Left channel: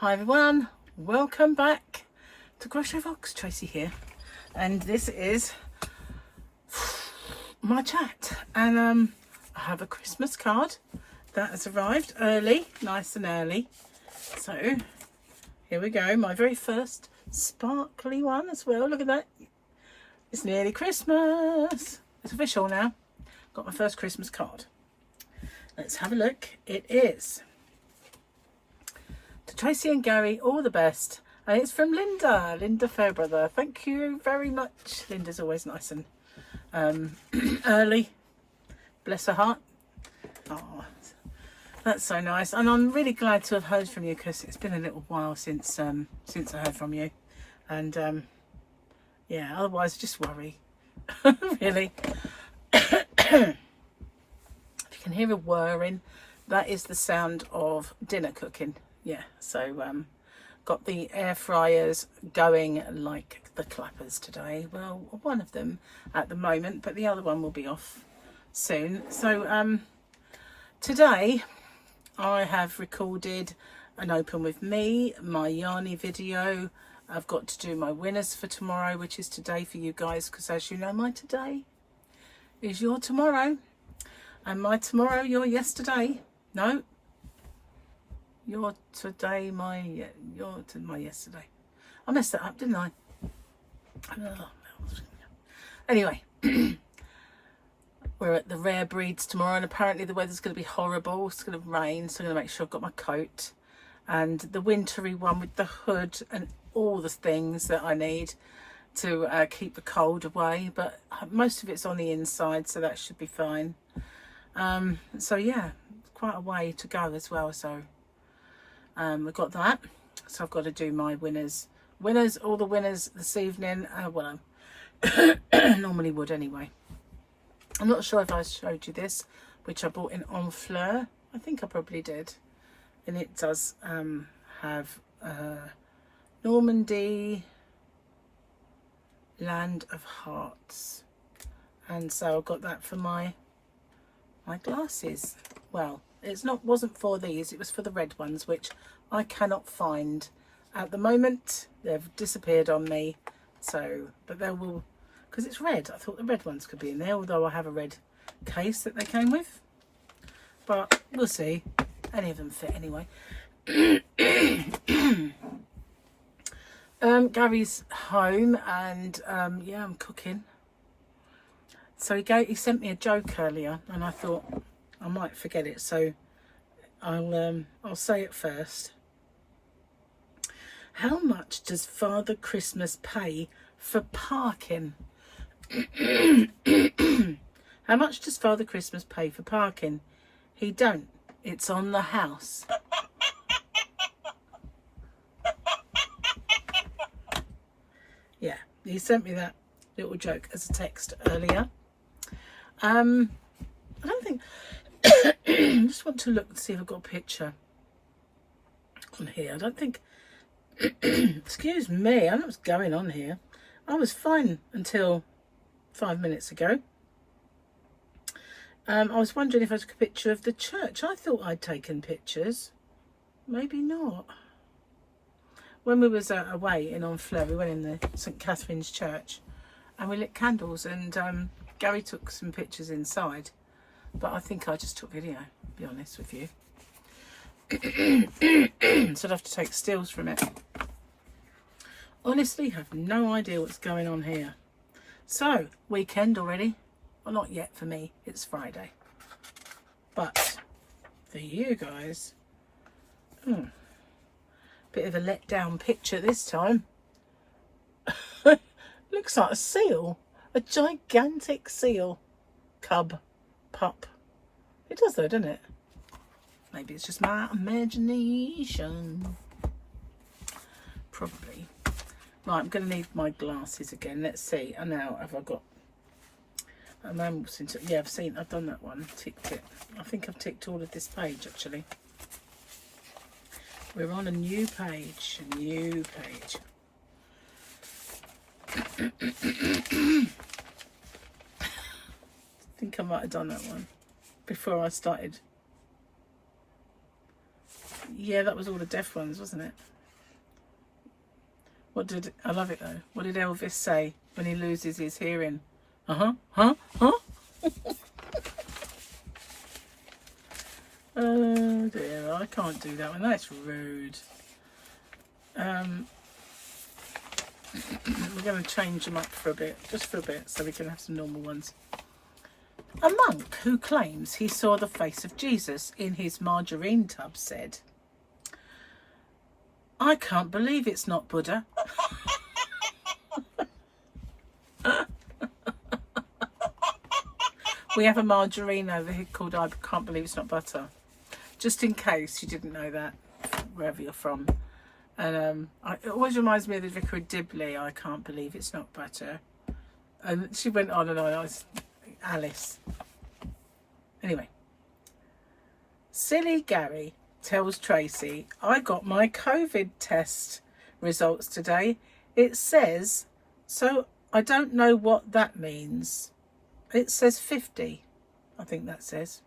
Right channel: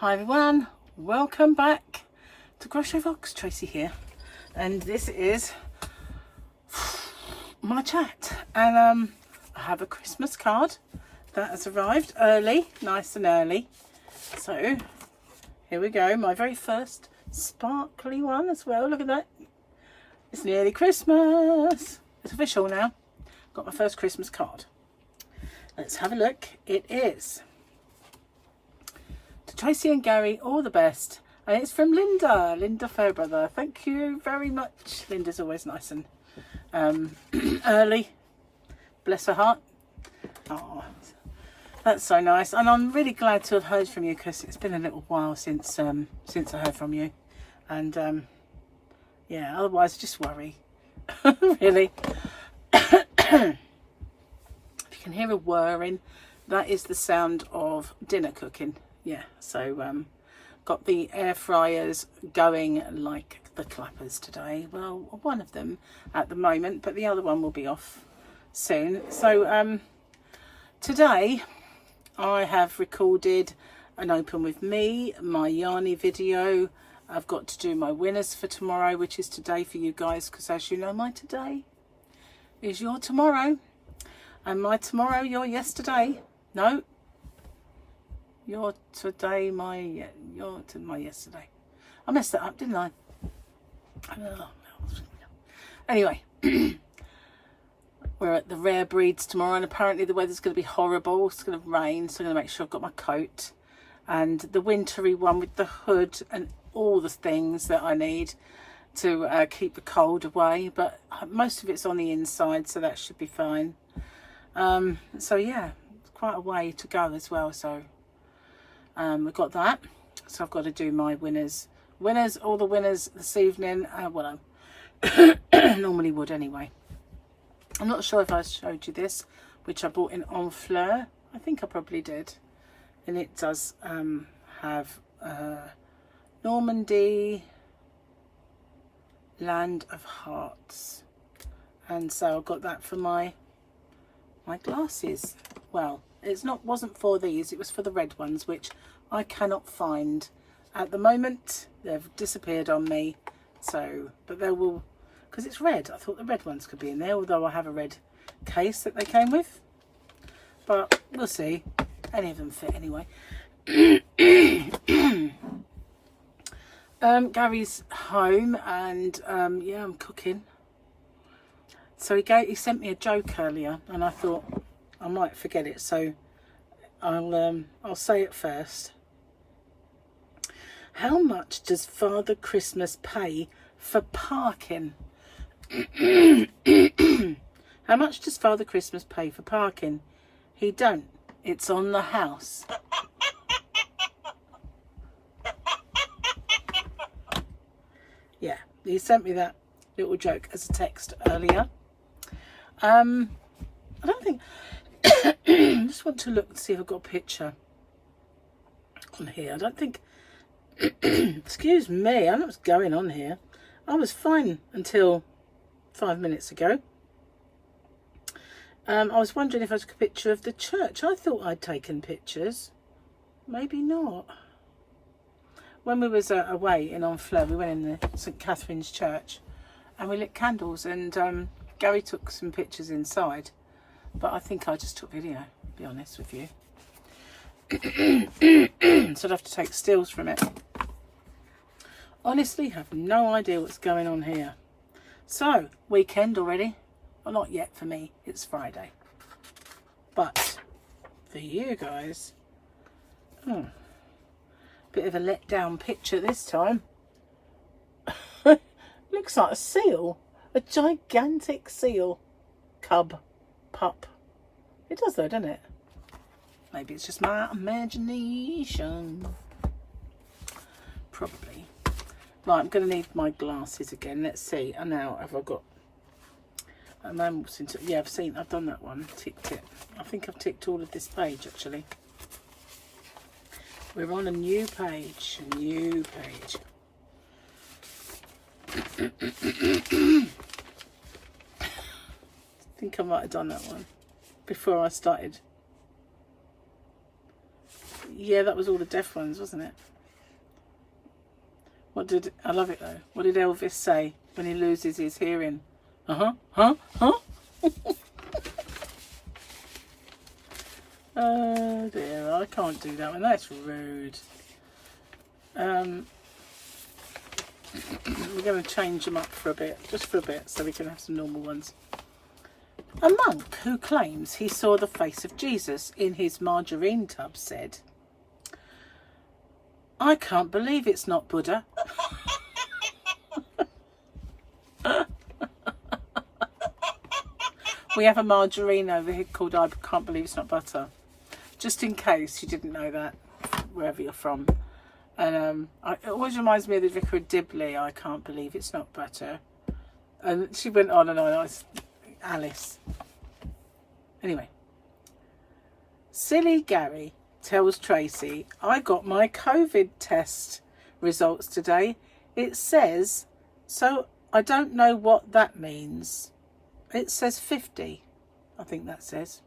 Hi everyone, welcome back to Crochet Vlogs. Tracy here, and this is my chat. And I have a Christmas card that has arrived early, nice and early. So here we go, my very first sparkly one as well. Look at that, it's nearly Christmas. It's official now. Got my first Christmas card. Let's have a look. It is to Tracy and Gary, all the best. And it's from Linda Fairbrother. Thank you very much. Linda's always nice and early. Bless her heart. Oh, that's so nice. And I'm really glad to have heard from you, because it's been a little while since I heard from you. And yeah, otherwise I just worry. Really. If you can hear a whirring, that is the sound of dinner cooking. Yeah, so got the air fryers going like the clappers today. Well, one of them at the moment, but the other one will be off soon. So today I have recorded an open with me, my yarny video. I've got to do my winners for tomorrow, which is today for you guys, because as you know, my today is your tomorrow, and my tomorrow your yesterday. No, your today, my yesterday. I messed that up, didn't I? Anyway, we're at the Rare Breeds tomorrow, and apparently the weather's going to be horrible. It's going to rain, so I'm going to make sure I've got my coat and the wintry one with the hood and all the things that I need to keep the cold away. But most of it's on the inside, so that should be fine. So yeah, quite a way to go as well. So we've got that. So I've got to do my winners, all the winners this evening. Well, I normally would anyway. I'm not sure if I showed you this, which I bought in Enfleur. I think I probably did. And it does have Normandy, Land of Hearts. And so I got that for my glasses. Well, wasn't for these, it was for the red ones, which I cannot find at the moment. They've disappeared on me. So, but they will, because it's red. I thought the red ones could be in there, although I have a red case that they came with. But we'll see. Any of them fit anyway. Gary's home, and yeah, I'm cooking. So he sent me a joke earlier, and I thought I might forget it, so I'll say it first. How much does Father Christmas pay for parking? How much does Father Christmas pay for parking? He don't. It's on the house. Yeah, he sent me that little joke as a text earlier. I don't think I just want to look and see if I've got a picture on here. I don't think excuse me, I don't know what's going on here. I was fine until 5 minutes ago. I was wondering if I took a picture of the church. I thought I'd taken pictures. Maybe not. When we was away in Enfleur, we went in the St Catherine's Church and we lit candles, and Gary took some pictures inside, but I think I just took video, to be honest with you. So I'd have to take stills from it. Honestly, have no idea what's going on here. So, weekend already. Well, not yet for me, it's Friday. But for you guys, bit of a letdown picture this time. Looks like a seal. A gigantic seal. Pup. It does though, doesn't it? Maybe it's just my imagination. Probably. Right, I'm going to need my glasses again. Let's see. And now, have I got... yeah, I've done that one. Ticked it. I think I've ticked all of this page, actually. We're on a new page. I think I might have done that one before I started Yeah, that was all the deaf ones, wasn't it? I love it though. What did Elvis say when he loses his hearing? Huh? Oh dear, I can't do that one. That's rude. We're going to change them up for a bit, just for a bit, so we can have some normal ones. A monk who claims he saw the face of Jesus in his margarine tub said, "I can't believe it's not Buddha." We have a margarine over here called "I Can't Believe It's Not Butter," just in case you didn't know that, wherever you're from. And it always reminds me of the Vicar of Dibley, "I can't believe it's not butter." And she went on and on. Alice. Anyway. Silly Gary tells Tracy, "I got my COVID test results today. It says, so I don't know what that means. It says 50. I think that says.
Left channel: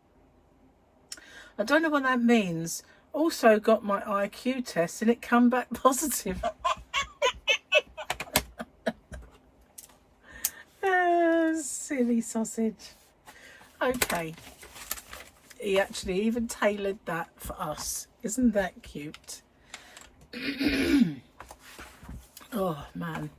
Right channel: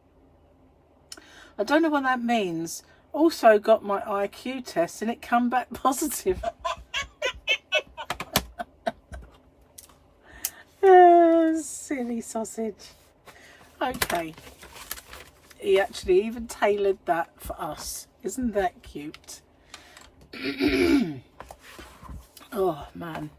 I don't know what that means. Also got my IQ test and it come back positive." Silly sausage. Okay. He actually even tailored that for us. Isn't that cute? Oh man.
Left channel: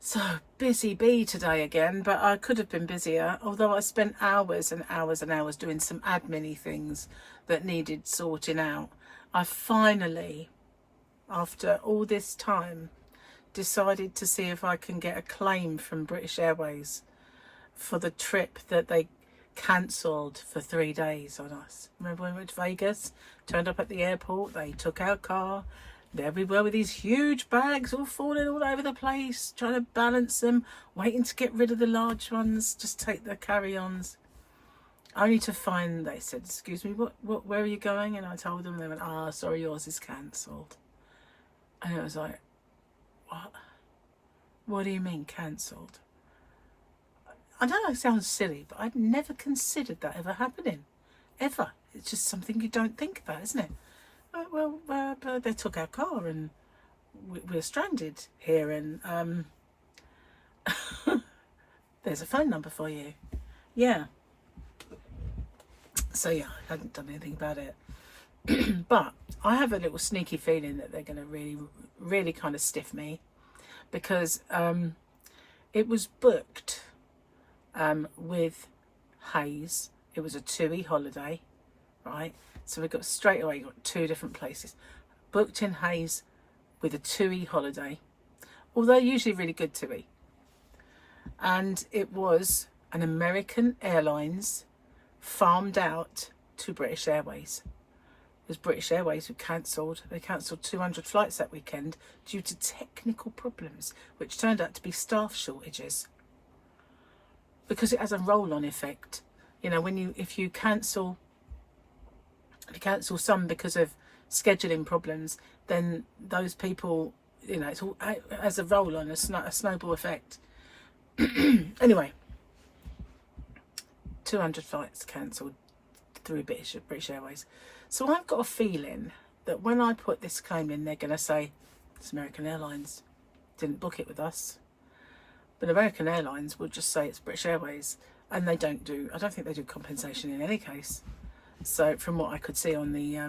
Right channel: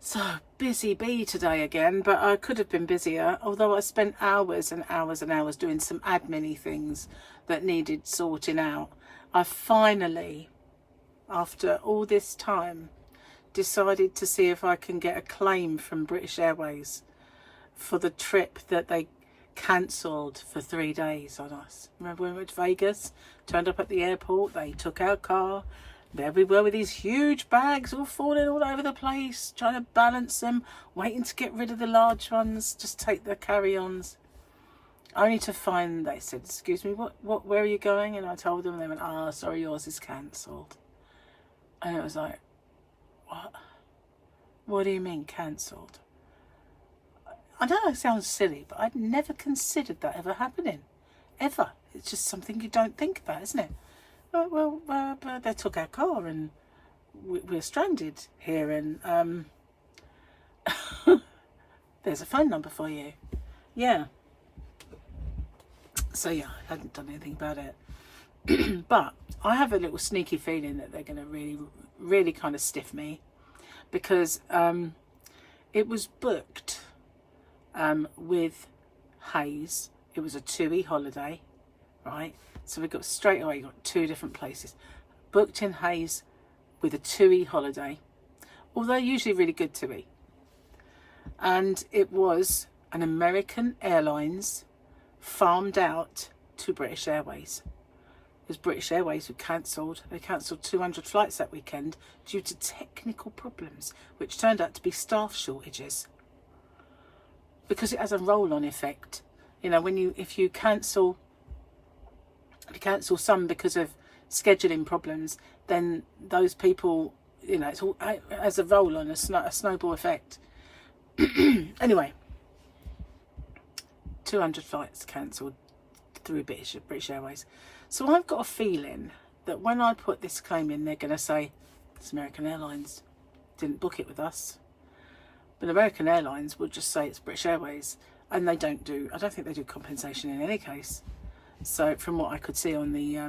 So busy bee today again, but I could have been busier, although I spent hours and hours and hours doing some admin-y things that needed sorting out. I finally, after all this time, decided to see if I can get a claim from British Airways for the trip that they cancelled for 3 days on us. Remember when we went to Vegas, turned up at the airport, they took our car, there we were with these huge bags all falling all over the place, trying to balance them, waiting to get rid of the large ones, just take the carry-ons. Only to find, they said, "Excuse me, where are you going?" And I told them, they went, "Sorry, yours is cancelled." And it was like, what? What do you mean cancelled? I know it sounds silly, but I'd never considered that ever happening. Ever. It's just something you don't think about, isn't it? Well, they took our car and we're stranded here, and there's a phone number for you. Yeah. So yeah, I hadn't done anything about it. But I have a little sneaky feeling that they're going to really kind of stiff me, because it was booked with Hayes. It was a 2E holiday, right? So we got straight away, got 2 different places. Booked in Hayes with a 2E holiday, although usually really good 2E. And it was an American Airlines farmed out to British Airways. It was British Airways who cancelled. They cancelled 200 flights that weekend due to technical problems, which turned out to be staff shortages. Because it has a roll-on effect. You know, if you cancel some because of scheduling problems, then those people, you know, it's all as a roll-on, a snowball effect. Anyway, 200 flights cancelled through British Airways. So I've got a feeling that when I put this claim in, they're going to say, "It's American Airlines, didn't book it with us." But American Airlines would just say it's British Airways, and I don't think they do compensation in any case. So from what I could see on the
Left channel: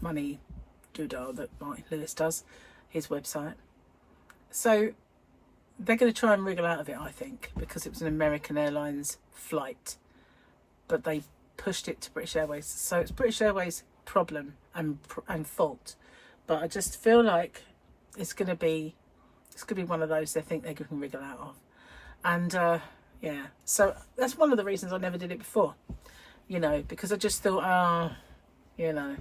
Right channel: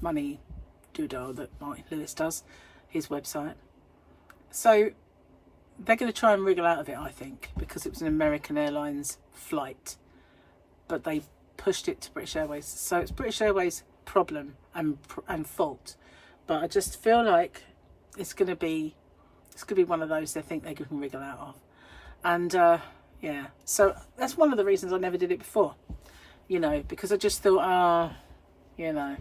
money doodle that Martin Lewis does, his website. So they're going to try and wriggle out of it, I think, because it was an American Airlines flight, but they pushed it to British Airways. So it's British Airways' problem and fault. But I just feel like it's going to be one of those they think they can wriggle out of. And yeah, so that's one of the reasons I never did it before, you know, because I just thought, you know,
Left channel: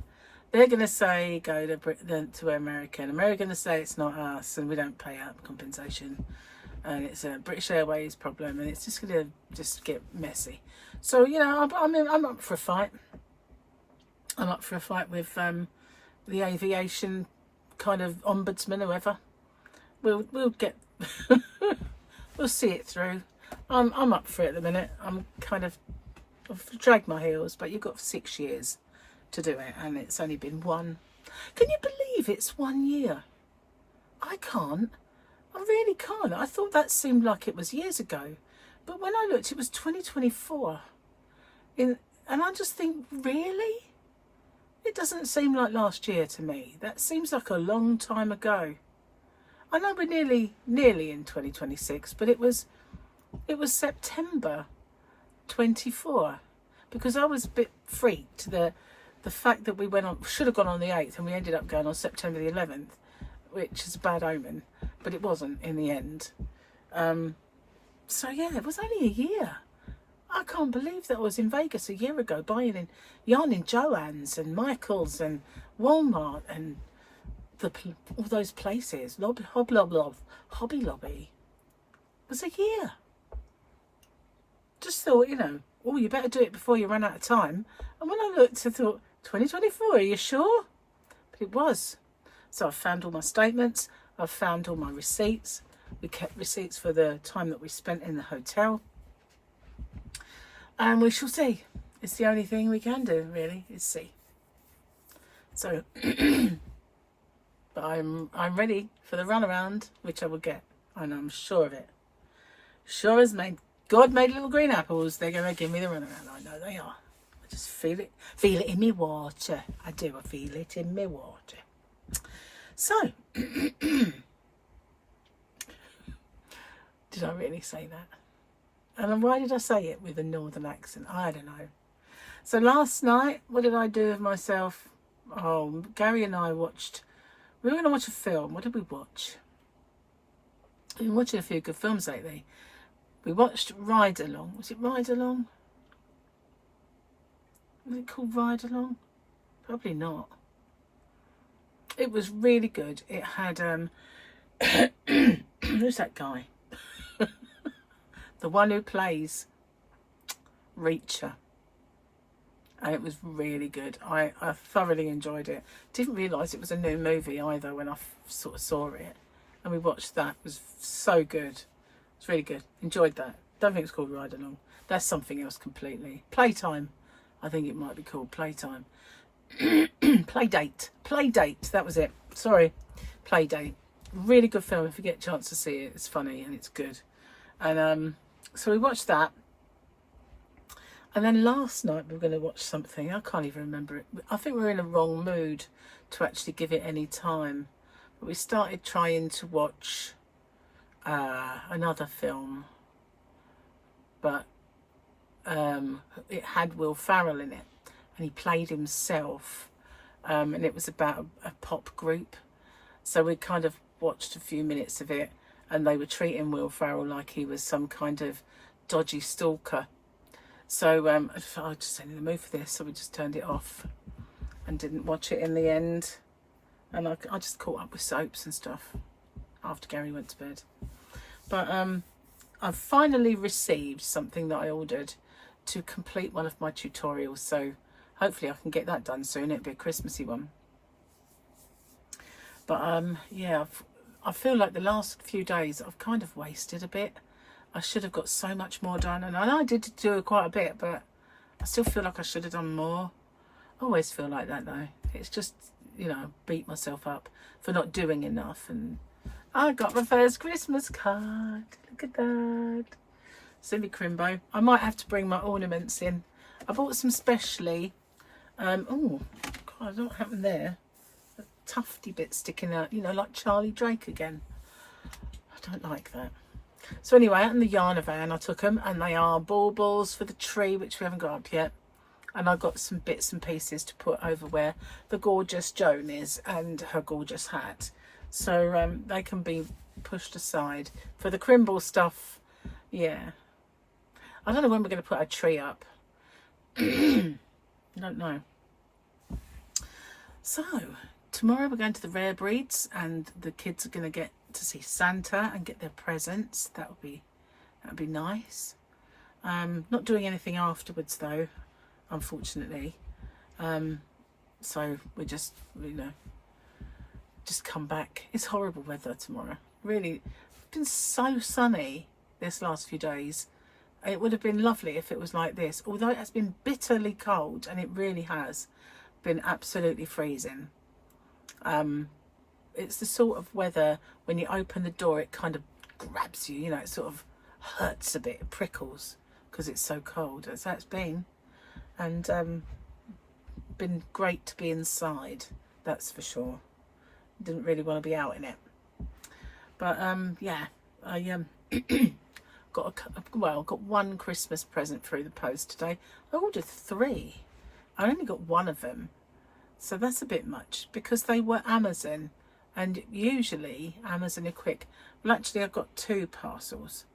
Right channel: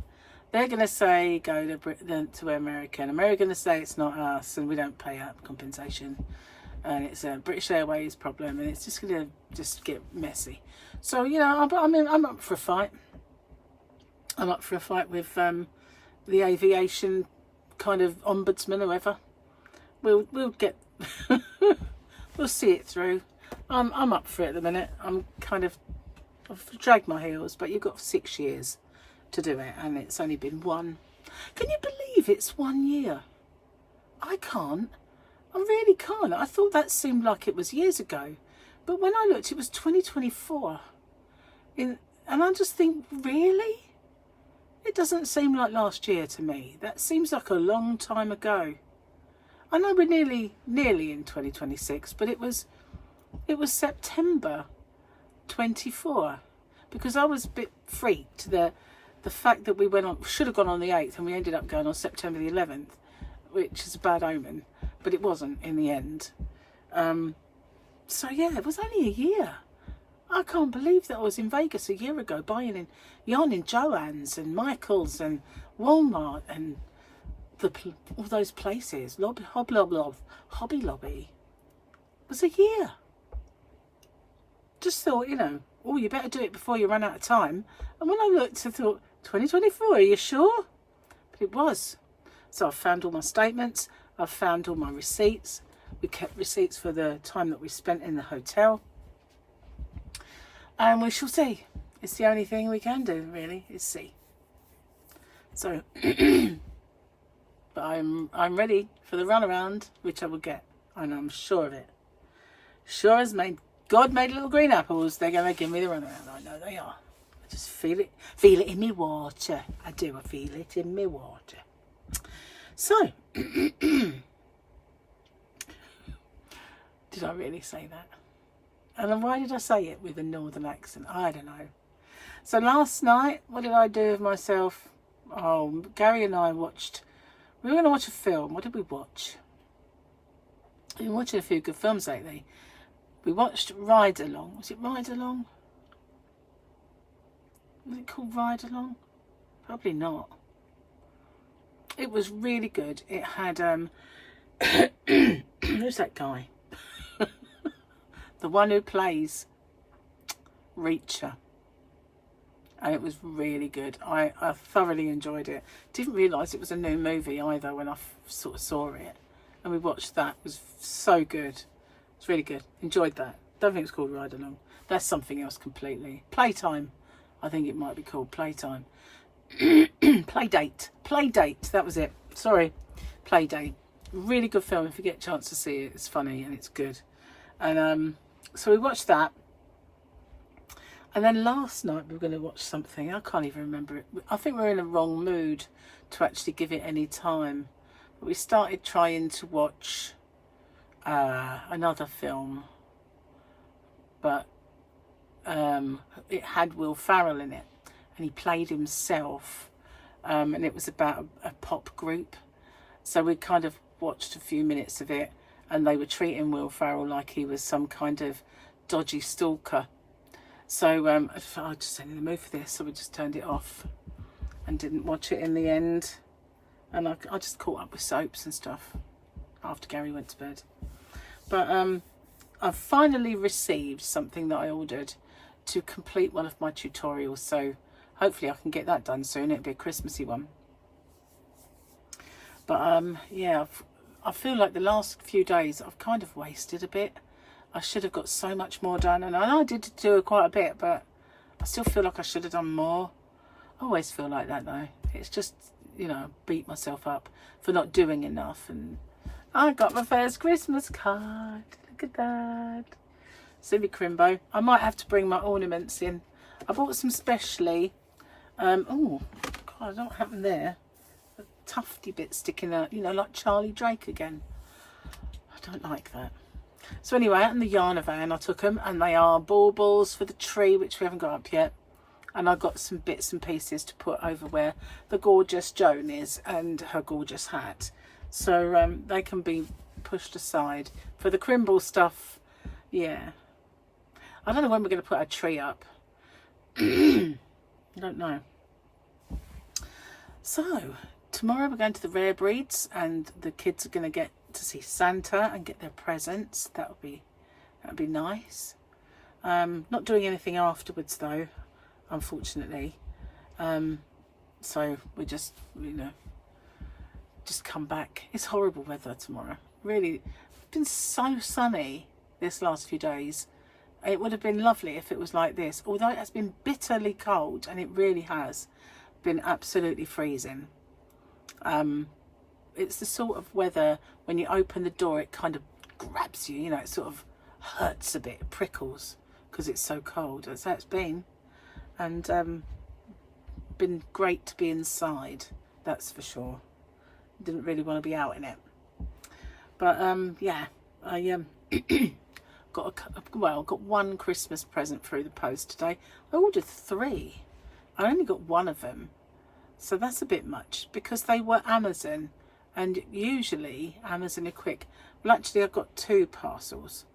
they're going to say go to American. American going to say it's not us and we don't pay out compensation, and it's a British Airways problem, and it's just going to just get messy. So, you know, I'm up for a fight. I'm up for a fight with the aviation kind of ombudsman, whoever. We'll get we'll see it through. I'm up for it at the minute. I've dragged my heels, but you've got 6 years. to do it, and it's only been one. Can you believe it's 1 year? I can't. I really can't. I thought that seemed like it was years ago, but when I looked, it was 2024. And I just think, really? It doesn't seem like last year to me. That seems like a long time ago. I know we're nearly in 2026, but it was September 24, because I was a bit freaked the fact that we should have gone on the 8th and we ended up going on September the 11th, which is a bad omen, but it wasn't in the end. So yeah, it was only a year. I can't believe that I was in Vegas a year ago buying in yarn in Joann's and Michael's and Walmart and all those places. Hobby Lobby. It was a year. Just thought, you know, oh, you better do it before you run out of time. And when I looked, I thought, 2024, are you sure? But it was. So I found all my statements. I've found all my receipts. We kept receipts for the time that we spent in the hotel. And we shall see. It's the only thing we can do, really, is see. So, but I'm ready for the runaround, which I will get. And I'm sure of it. Sure as God made little green apples, they're going to give me the runaround. I know they are. I just feel it. Feel it in me water. I do. I feel it in me water. So, did I really say that? And why did I say it with a northern accent? I don't know. So last night, what did I do with myself? Oh, Gary and I watched, we were going to watch a film. What did we watch? We've been watching a few good films lately. We watched Ride Along. Was it Ride Along? Was it called Ride Along? Probably not. It was really good. It had, who's that guy? The one who plays Reacher. And it was really good. I thoroughly enjoyed it. Didn't realise it was a new movie either when I sort of saw it. And we watched that. It was so good. It's really good. Enjoyed that. Don't think it's called Ride Along. That's something else completely. Playtime. I think it might be called Playtime. Playdate. Playdate. That was it. Sorry. Playdate. Really good film. If you get a chance to see it, it's funny and it's good. And so we watched that. And then last night we were going to watch something. I can't even remember it. I think we were in a wrong mood to actually give it any time. But we started trying to watch another film. But it had Will Ferrell in it. And he played himself. And it was about a pop group. So we kind of watched a few minutes of it. And they were treating Will Ferrell like he was some kind of dodgy stalker. So I just ain't in the mood for this, so we just turned it off and didn't watch it in the end. And I just caught up with soaps and stuff after Gary went to bed. But I've finally received something that I ordered to complete one of my tutorials. So hopefully I can get that done soon. It'll be a Christmassy one. But yeah, I feel like the last few days I've kind of wasted a bit. I should have got so much more done. And I know I did do quite a bit, but I still feel like I should have done more. I always feel like that though. It's just, you know, beat myself up for not doing enough. And I got my first Christmas card. Look at that. Silly Crimbo. I might have to bring my ornaments in. I bought some specially. Oh, God, I don't know what happened there. A tufty bit sticking out, you know, like Charlie Drake again. I don't like that. So anyway, out in the yarn van I took them, and they are baubles for the tree, which we haven't got up yet. And I got some bits and pieces to put over where the gorgeous Joan is and her gorgeous hat. So they can be pushed aside. For the Crimble stuff, yeah. I don't know when we're going to put our tree up. I don't know. So tomorrow we're going to the Rare Breeds, and the kids are going to get to see Santa and get their presents. That'll be nice. Not doing anything afterwards though, unfortunately. So we just, you know, just come back. It's horrible weather tomorrow. Really, it's been so sunny this last few days. It would have been lovely if it was like this, although it has been bitterly cold, and it really has. been absolutely freezing. It's the sort of weather when you open the door, it kind of grabs you, you know, it sort of hurts a bit, it prickles because it's so cold. That's how it's been. And been great to be inside, that's for sure. Didn't really want to be out in it. But yeah, I got one Christmas present through the post today. I ordered 3. I only got 1 of them. So that's a bit much because they were Amazon, and usually Amazon are quick. Well, actually I've got 2 parcels.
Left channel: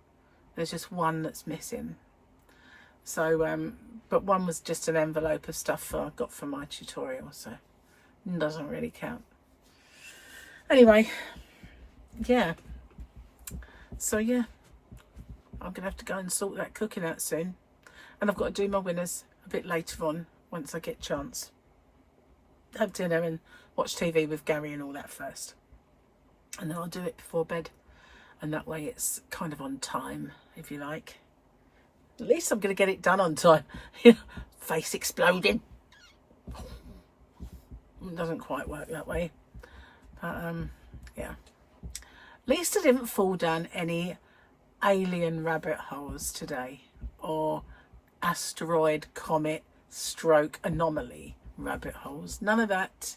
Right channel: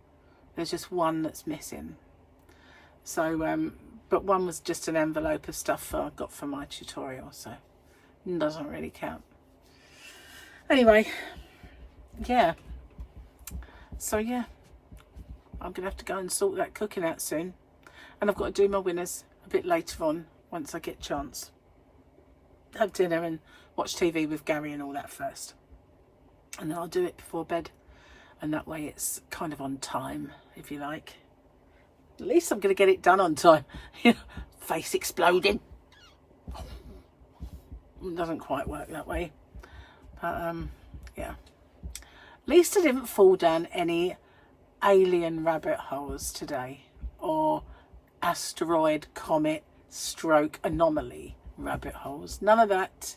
There's just 1 that's missing. So, but 1 was just an envelope of stuff I got for my tutorial, so it doesn't really count. Anyway, yeah. So yeah, I'm gonna have to go and sort that cooking out soon, and I've got to do my winners a bit later on once I get a chance. Have dinner and watch TV with Gary and all that first, and then I'll do it before bed, and that way it's kind of on time, if you like. At least I'm going to get it done on time. Face exploding. It doesn't quite work that way, but yeah. At least I didn't fall down any alien rabbit holes today, or asteroid, comet, stroke, anomaly rabbit holes. None of that.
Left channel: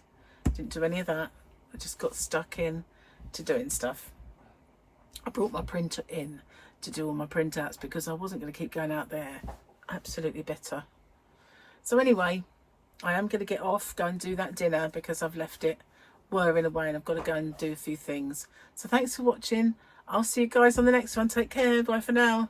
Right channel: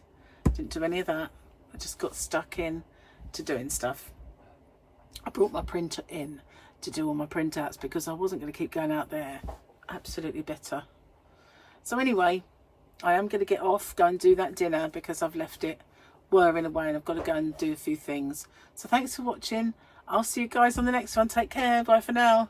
Didn't do any of that. I just got stuck in to doing stuff. I brought my printer in to do all my printouts because I wasn't going to keep going out there. Absolutely better. So anyway, I am going to get off, go and do that dinner because I've left it whirring away and I've got to go and do a few things. So thanks for watching. I'll see you guys on the next one. Take care. Bye for now.